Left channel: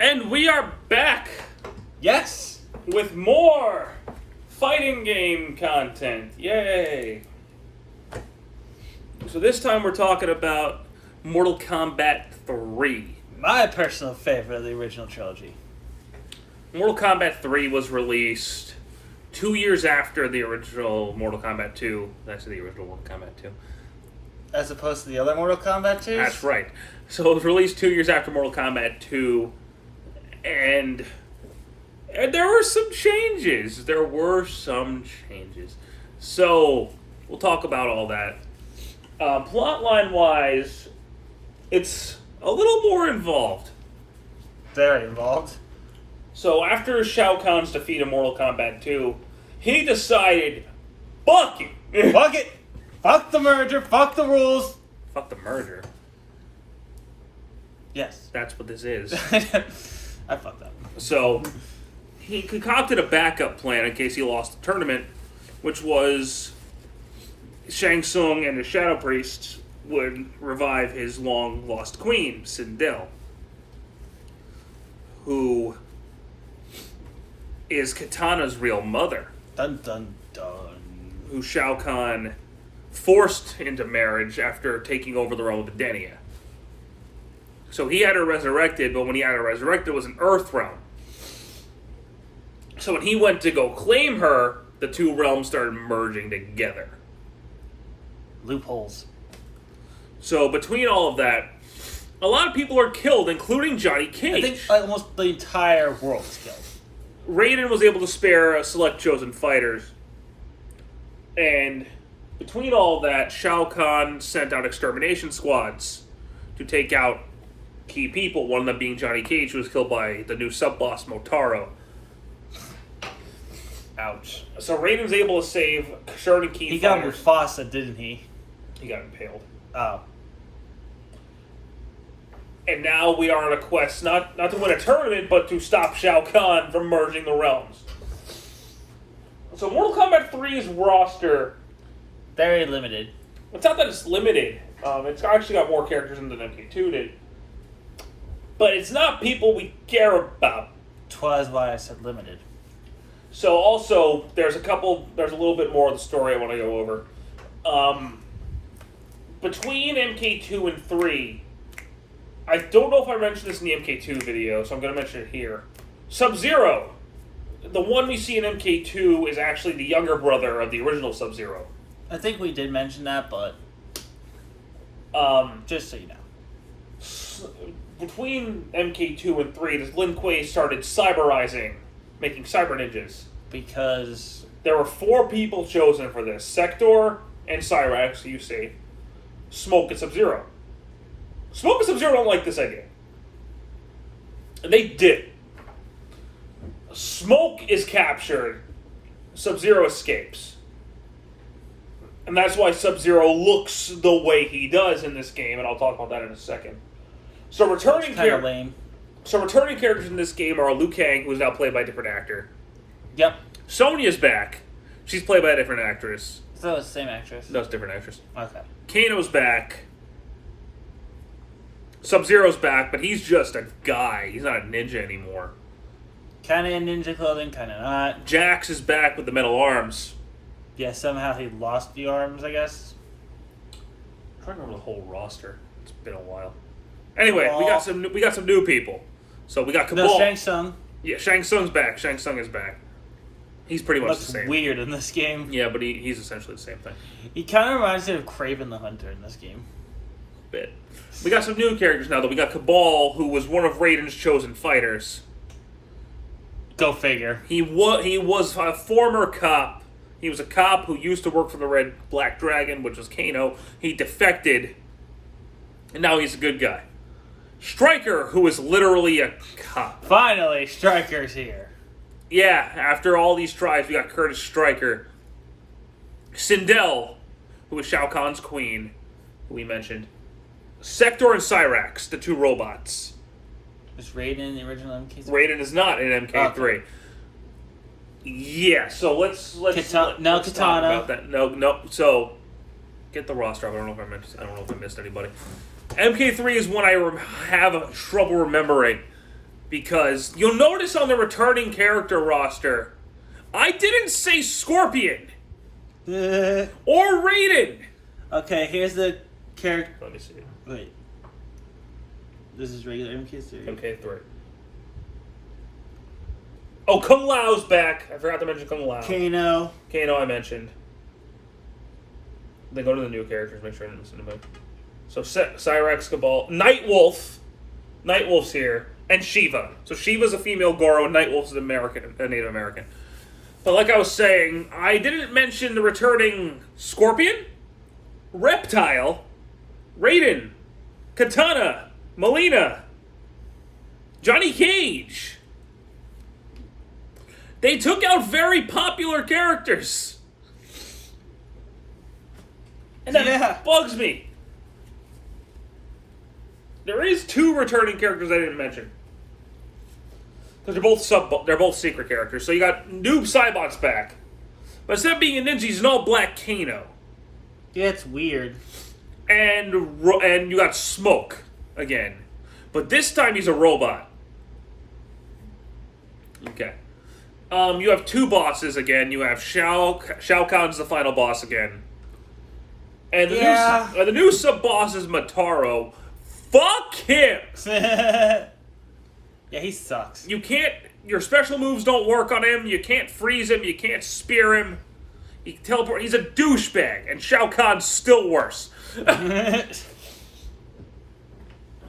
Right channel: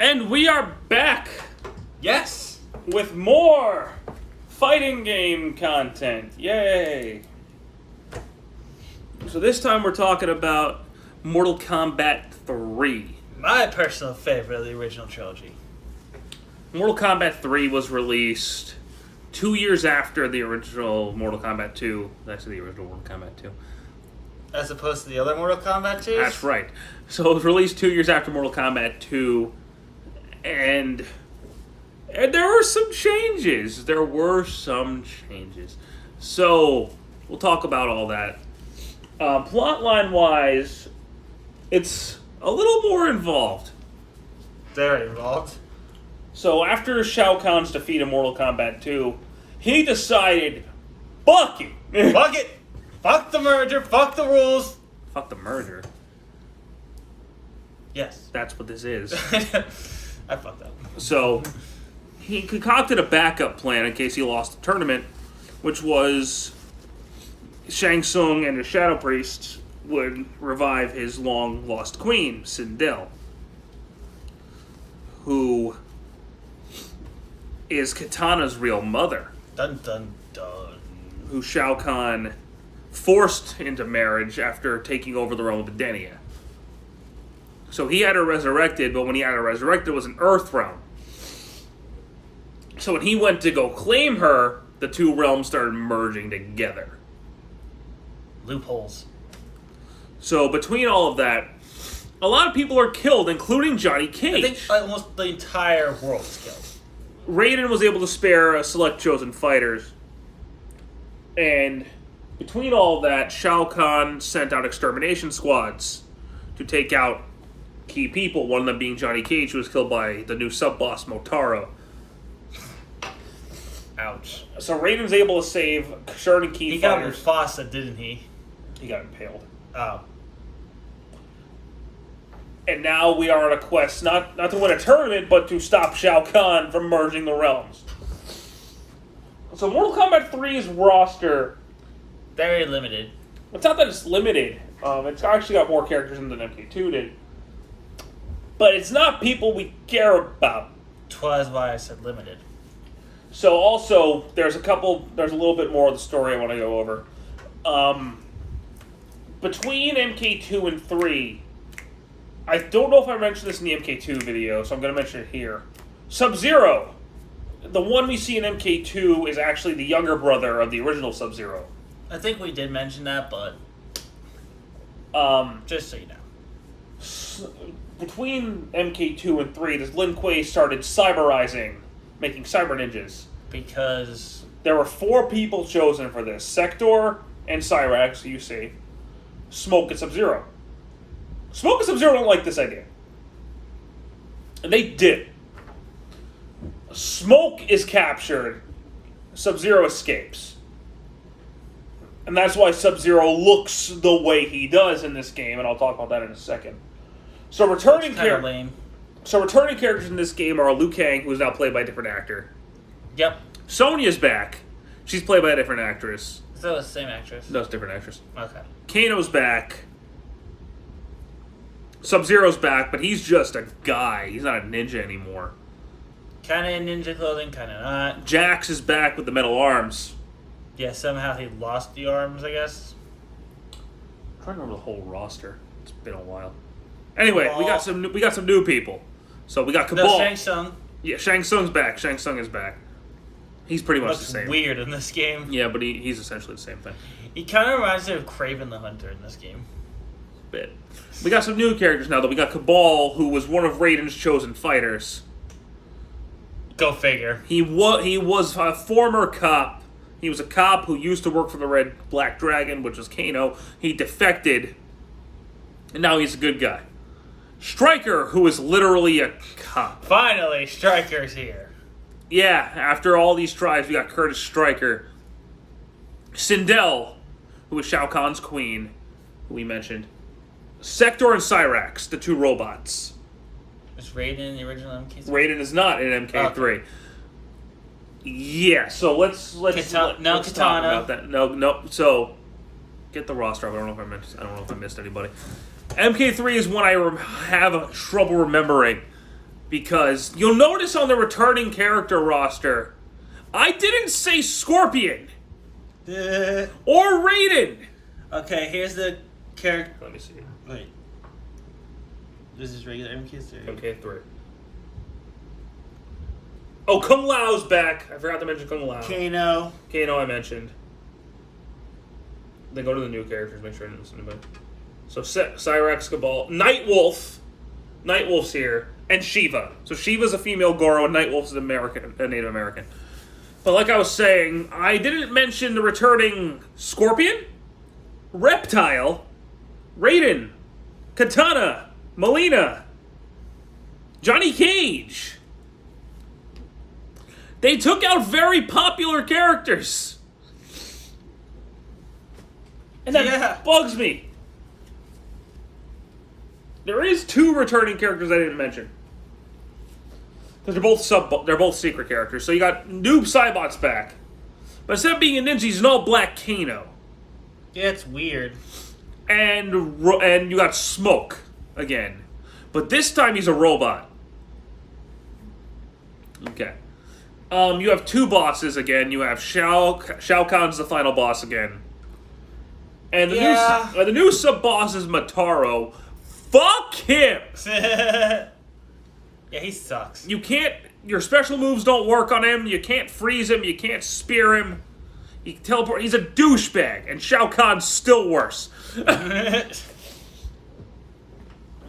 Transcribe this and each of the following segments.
And we are back Yes! with more fighting game content. Yay! So this time we're talking about Mortal Kombat 3. My personal favorite of the original trilogy. Mortal Kombat 3 was released 2 years after the original Mortal Kombat 2. That's the original Mortal Kombat 2. As opposed to the other Mortal Kombat 2s? That's right. So it was released 2 years after Mortal Kombat 2. And there were some changes. So, we'll talk about all that. Plotline-wise, it's a little more involved. Very involved. So, after Shao Kahn's defeat in Mortal Kombat 2, he decided, fuck it! Fuck it! Fuck the merger, fuck the rules! Fuck the merger. Yes. That's what this is. I fucked up. So, he concocted a backup plan in case he lost the tournament, which was Shang Tsung and the Shadow Priests would revive his long-lost queen, Sindel, who is Kitana's real mother, Dun dun dun. who Shao Kahn forced into marriage after taking over the realm of Edenia. So he had her resurrected, but when he had her resurrected, it was an Earth realm. So when he went to go claim her, the two realms started merging together. Loopholes. So between all of that, a lot of people are killed, including Johnny Cage. I think almost the entire world was killed. Raiden was able to spare a select chosen fighters. And between all of that, Shao Kahn sent out extermination squads to take out key people, one of them being Johnny Cage, who was killed by the new sub-boss Motaro. Ouch. So Raiden's able to save certain key He got fighters. Mufasa, didn't he? He got impaled. Oh. And now we are on a quest, not to win a tournament, but to stop Shao Kahn from merging the realms. So Mortal Kombat 3's roster, Very limited. it's not that it's limited. It's actually got more characters in than MK2 did. But it's not people we care about. Twas why I said limited. So also, there's a little bit more of the story I want to go over. Between MK2 and 3, I don't know if I mentioned this in the MK2 video, so I'm going to mention it here. Sub-Zero, the one we see in MK2 is actually the younger brother of the original Sub-Zero. I think we did mention that, but just so you know. Between MK2 and 3, this Lin Kuei started cyberizing, making cyber ninjas. Because There were 4 people chosen for this. Sector and Cyrax, you see. Smoke and Sub-Zero. Smoke and Sub-Zero don't like this idea. And they did. Smoke is captured. Sub-Zero escapes. And that's why Sub-Zero looks the way he does in this game, and I'll talk about that in a second. So returning characters in this game are Liu Kang, who is now played by a different actor. Yep. Sonya's back. She's played by a different actress. So it's the same actress. No, it's a different actress. Okay. Kano's back. Sub-Zero's back, but he's just a guy. He's not a ninja anymore. Kinda in ninja clothing, kinda not. Jax is back with the metal arms. Yeah, somehow he lost the arms, I guess. I'm trying to remember the whole roster. It's been a while. Anyway, we got some new people. So we got Cabal. No, Shang Tsung. Yeah, Shang Tsung's back. Shang Tsung is back. He's pretty much Looks the same. weird in this game. Yeah, but he's essentially the same thing. He kind of reminds me of Kraven the Hunter in this game. Bit. We got some new characters now, though. We got Cabal, who was one of Raiden's chosen fighters. Go figure. He was a former cop. He was a cop who used to work for the Red Black Dragon, which was Kano. He defected, and now he's a good guy. Stryker, who is literally a cop. Finally, Stryker's here. Yeah, after all these tries, we got Curtis Stryker. Sindel, who is Shao Kahn's queen, who we mentioned. Sector and Cyrax, the 2 robots. Is Raiden in the original MK3? Raiden is not in MK3. Okay. Yeah, so let's talk about that. No. So get the roster up. I don't know if I missed anybody. MK3 is one I have trouble remembering. Because you'll notice on the returning character roster, I didn't say Scorpion or Raiden. Okay, here's the character. Let me see. Wait. This is regular MK3. MK3. Oh, Kung Lao's back. I forgot to mention Kung Lao. Kano. Kano I mentioned. Then go to the new characters. Make sure I didn't listen to them. So Cyrex, Cabal, Nightwolf. Nightwolf's here. And Shiva. So Shiva's a female Goro and Nightwolf's a Native American. But like I was saying, I didn't mention the returning Scorpion, Reptile, Raiden, Katana, Melina, Johnny Cage. They took out very popular characters. And that bugs me. There is 2 returning characters I didn't mention. Because they're both secret characters. So you got Noob Saibot's back. But instead of being a ninja, he's an all-black Kano. Yeah, it's weird. And you got Smoke again. But this time he's a robot. Okay. You have 2 bosses again. You have Shao Kahn's the final boss again. And the new sub-boss is Mataro. Fuck him! Yeah, he sucks. You can't... Your special moves don't work on him. You can't freeze him. You can't spear him. He can teleport. He's a douchebag. And Shao Kahn's still worse.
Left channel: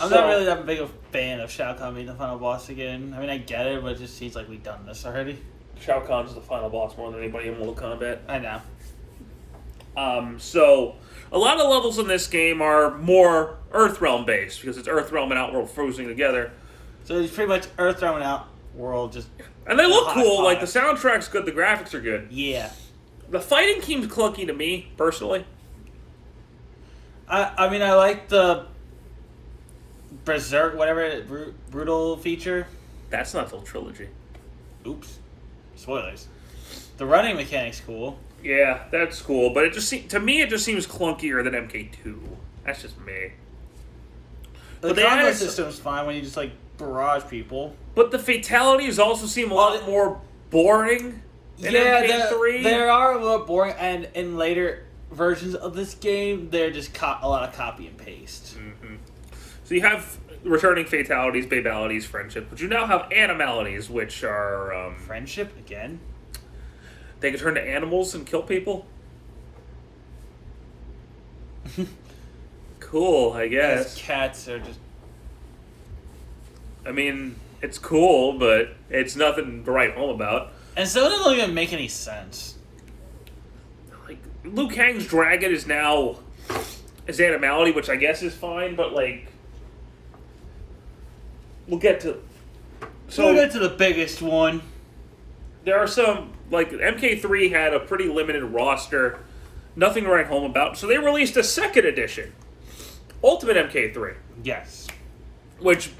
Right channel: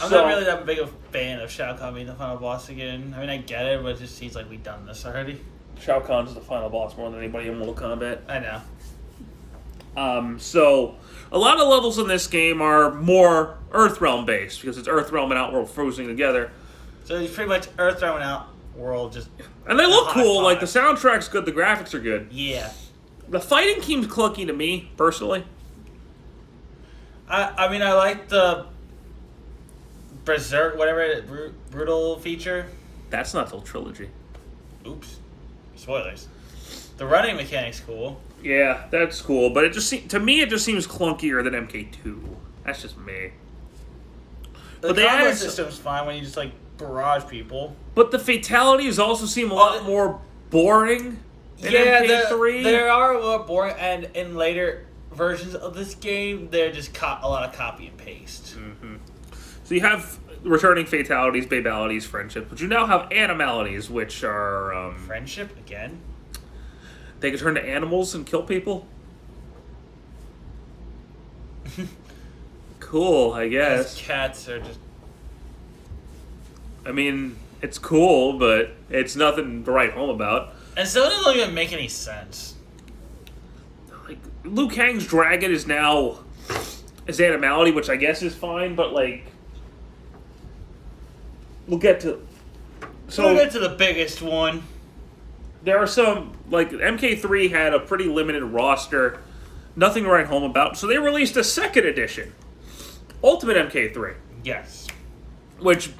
I'm not really that big a fan of Shao Kahn being the final boss again. I mean, I get it, but it just seems like we've done this already. Shao Kahn's the final boss more than anybody in Mortal Kombat. I know. So, a lot of levels in this game are more Earthrealm based, because it's Earthrealm and Outworld fusing together. So it's pretty much Earthrealm and Outworld just... And they look cool, like the soundtrack's good, the graphics are good. Yeah. The fighting seems clunky to me, personally. I mean, I like the Berserk, brutal feature. That's not the trilogy. Oops. Spoilers. The running mechanic's cool. Yeah, that's cool, but it just to me it just seems clunkier than MK2. That's just me. The combat system's fine when you just like barrage people. But the fatalities also seem a lot more boring than MK3. They are a little boring, and in later versions of this game, they're just a lot of copy and paste. Mm-hmm. So you have returning fatalities, babalities, friendship, but you now have animalities, which are... Friendship, again? They can turn to animals and kill people? Cool, I guess. Cats are just... I mean, it's cool, but it's nothing to write home about. And some of them don't even make any sense. Like, Liu Kang's dragon is now his animality, which I guess is fine, but like... We'll get to the biggest one. There are some, like, MK3 had a pretty limited roster. Nothing to write home about. So they released a second edition. Ultimate MK3. Yes. Which,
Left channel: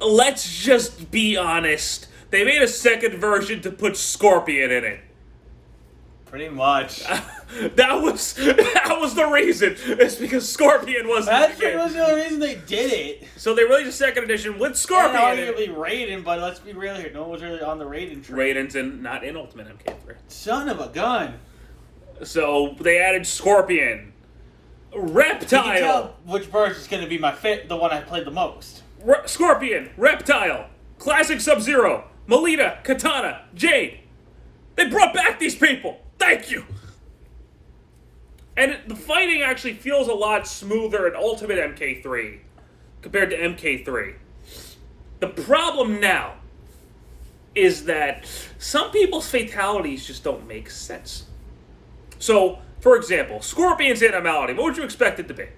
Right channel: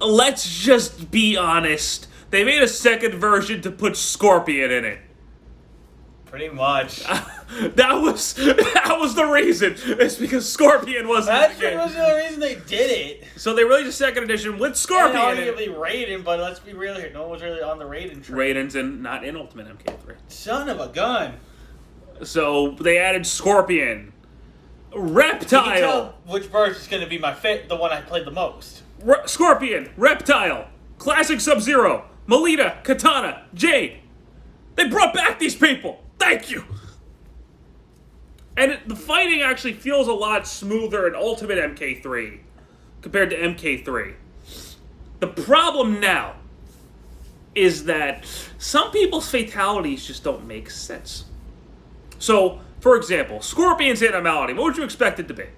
let's just be honest, they made a second version to put Scorpion in it. Pretty much. That was the reason. It's because Scorpion wasn't in the game. That's pretty much the only reason they did it. So they released a second edition with Scorpion in it. Arguably Raiden, but let's be real here. No one was really on the Raiden train. Raiden's not in Ultimate MK3. Son of a gun. So they added Scorpion. Reptile. You can tell which version is going to be the one I played the most. Scorpion. Reptile. Classic Sub-Zero. Melina. Katana. Jade. They brought back these people. Thank you. And the fighting actually feels a lot smoother in Ultimate MK3 compared to MK3. The problem now is that some people's fatalities just don't make sense. So, for example, Scorpion's animality, what would you expect it to be?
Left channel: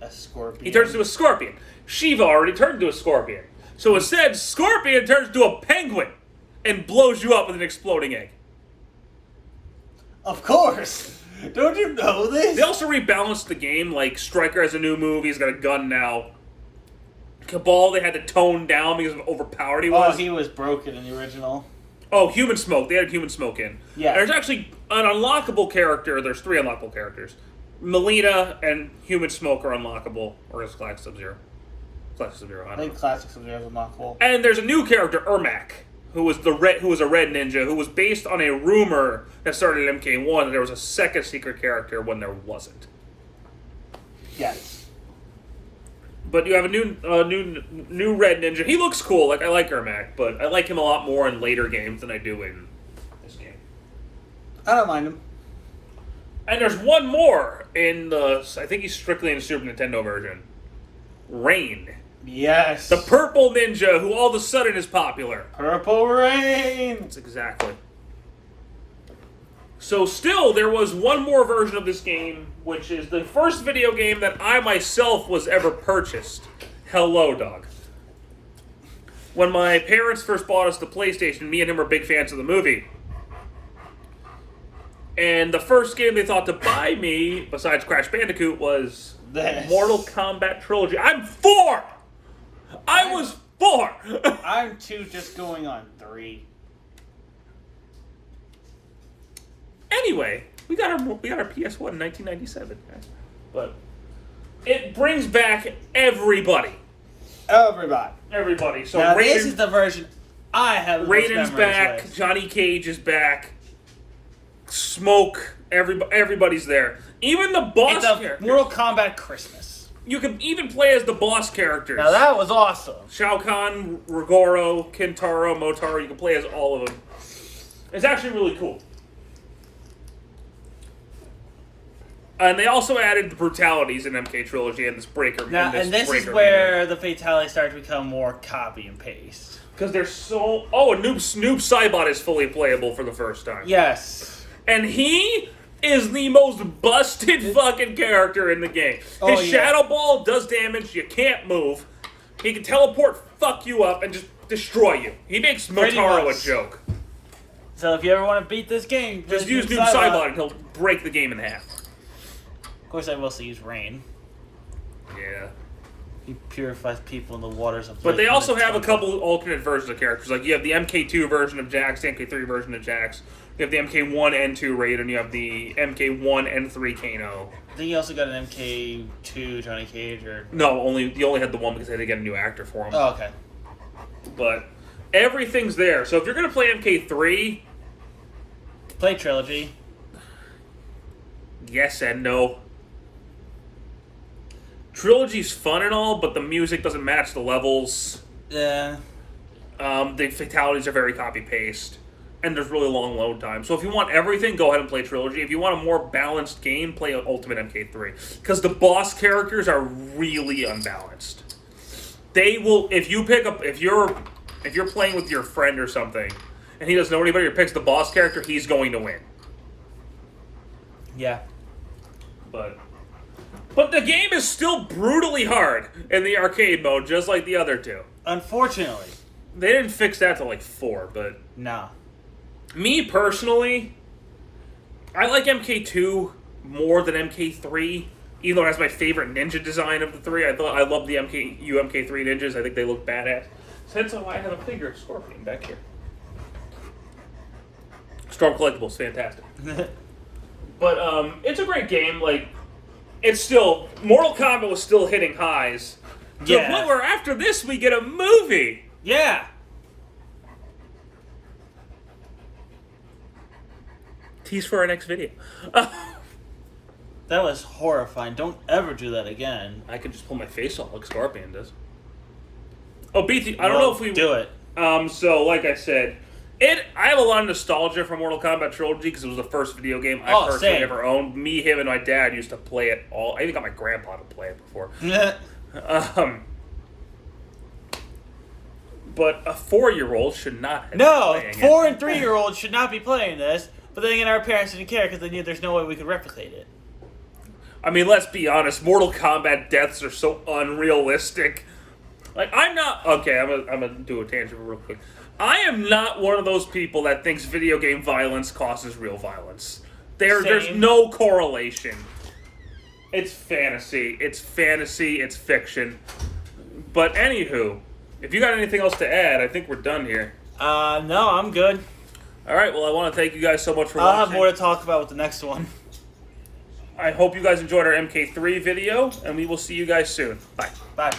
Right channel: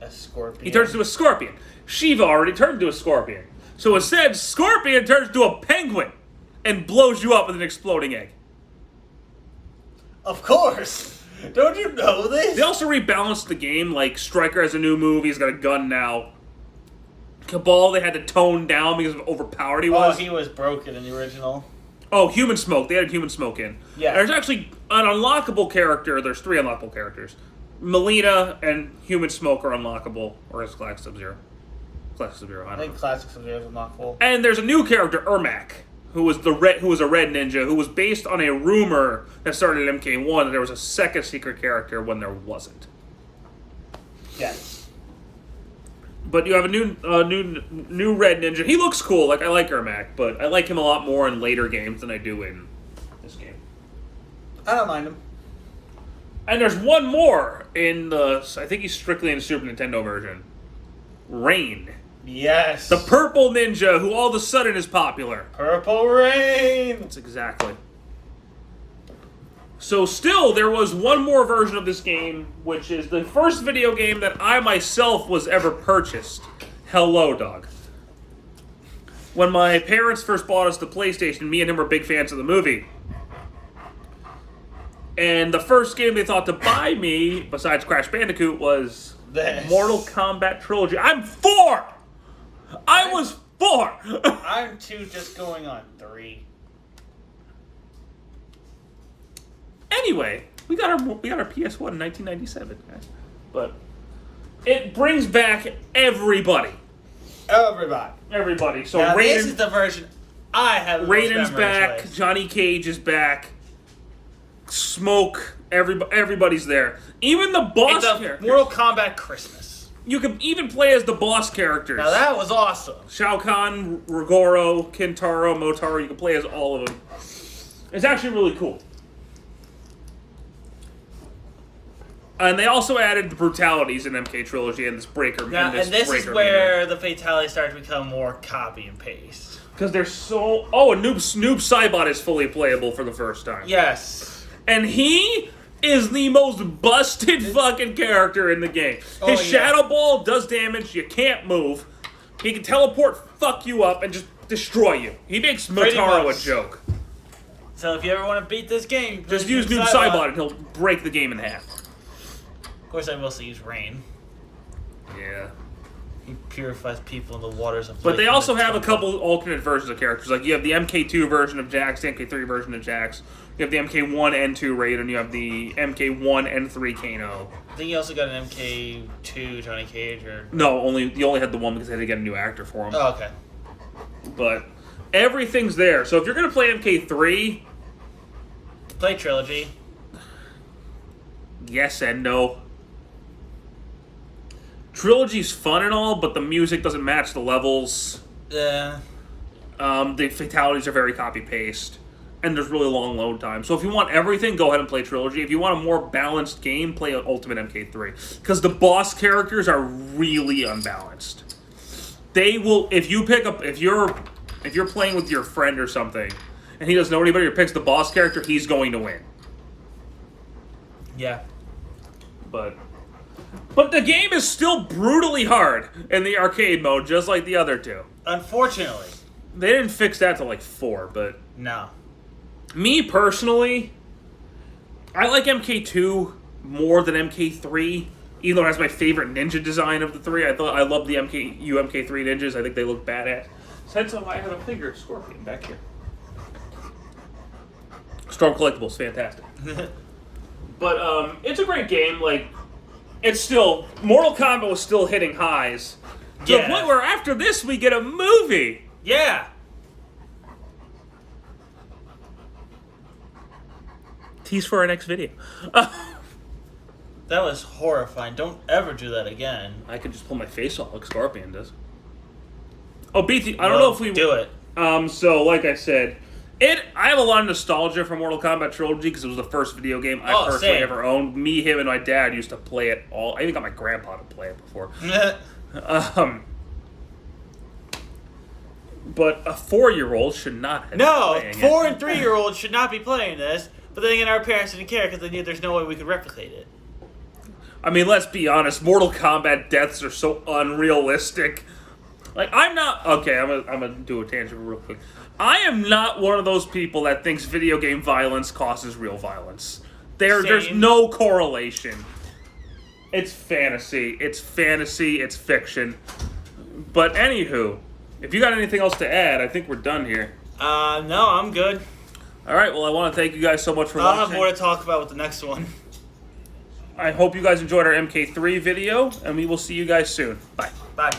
A scorpion. He turns into a scorpion. Shiva already turned into a scorpion. So instead, Scorpion turns into a penguin and blows you up with an exploding egg. Of course. Don't you know this? They also rebalanced the game, like Stryker has a new move, he's got a gun now. Cabal, they had to tone down because of how overpowered he was. Oh, he was broken in the original. Oh, Human Smoke. They added Human Smoke in. Yeah. There's actually an unlockable character. There's 3 unlockable characters. Melina and Human Smoke are unlockable, or as Black Sub-Zero. Classic Sub-Zero. I I don't think know. Classic Sub-Zero is not cool. And there's a new character, Ermac, who was a red ninja, who was based on a rumor that started at MK1 that there was a second secret character when there wasn't. Yes. But you have a new red ninja. He looks cool. Like I like Ermac, but I like him a lot more in later games than I do in this game. I don't mind him. And there's one more in the. I think he's strictly in the Super Nintendo version. Rain. Yes. The purple ninja who all of a sudden is popular. Purple Rain. That's exactly. So still, there was one more version of this game, which is the first video game that I myself was ever purchased. Hello, Dog. When my parents first bought us the PlayStation, me and him were big fans of the movie. And the first game they thought to buy me, besides Crash Bandicoot, was Mortal Kombat Trilogy. I'm 4! I was 4! I'm 2, just going on 3. Anyway, we got our PS1 in 1997, guys. But it brings back everybody. Everybody. So now, Raiden, this is the version I have. Raiden's back. With. Johnny Cage is back. Smoke. Everybody's there. Even the boss characters. Mortal Kombat Christmas. You can even play as the boss characters. Now that was awesome. Shao Kahn, Rogoro, Kintaro, Motaro. You can play as all of them. It's actually really cool. And they also added the brutalities in MK Trilogy and this breaker. Now, and this is where the fatalities start to become more copy and paste. Because they're so... Oh, and Noob Saibot is fully playable for the first time. Yes. And he is the most busted fucking character in the game. His Shadow Ball does damage. You can't move. He can teleport, fuck you up, and just destroy you. He makes Motaro a joke. So if you ever want to beat this game... Just use Noob Saibot and he'll break the game in half. Of course, I will also use Rain. Yeah. He purifies people in the waters of... But they also have a couple alternate versions of characters. Like, you have the MK2 version of Jax, the MK3 version of Jax. You have the MK1 and 2 Raiden. You have the MK1 and 3 Kano. I think you also got an MK2 Johnny Cage, or... No, you only had the one because they had to get a new actor for him. Oh, okay. But everything's there. So if you're going to play MK3... Play Trilogy. Yes and no. Trilogy's fun and all, but the music doesn't match the levels. Yeah. The fatalities are very copy-paste. And there's really long load time. So if you want everything, go ahead and play Trilogy. If you want a more balanced game, play Ultimate MK3. Because the boss characters are really unbalanced. They will... If you're playing with your friend or something, and he doesn't know anybody or picks the boss character, he's going to win. Yeah. But the game is still brutally hard in the arcade mode, just like the other two. Unfortunately. They didn't fix that till like 4, but... No. Me, personally, I like MK2 more than MK3, even though it has my favorite ninja design of the three. I love the MK3 ninjas. I think they look badass. Hence why I have a figure of Scorpion back here. Storm Collectibles, fantastic. But it's a great game. Like, it's still... Mortal Kombat was still hitting highs. To the point where after this, we get a movie. Yeah. Tease for our next video. That was horrifying. Don't ever do that again. I could just pull my face off like Scorpion does. Oh, BT, I don't know if we... Do it. So, like I said... I have a lot of nostalgia for Mortal Kombat Trilogy because it was the first video game I personally ever owned. Me, him, and my dad used to play it all. I even got my grandpa to play it before. But a 4-year-old should not have been playing 4 and 3-year-olds should not be playing this. But then again, our parents didn't care because they knew there's no way we could replicate it. I mean, let's be honest. Mortal Kombat deaths are so unrealistic. Like, I'm not... Okay, I'm gonna do a tangent real quick. I am not one of those people that thinks video game violence causes real violence. There's no correlation. It's fantasy. It's fiction. But anywho, if you got anything else to add, I think we're done here. No, I'm good. All right, well, I want to thank you guys so much for watching. I'll have more to talk about with the next one. I hope you guys enjoyed our MK3 video, and we will see you guys soon. Bye. Bye.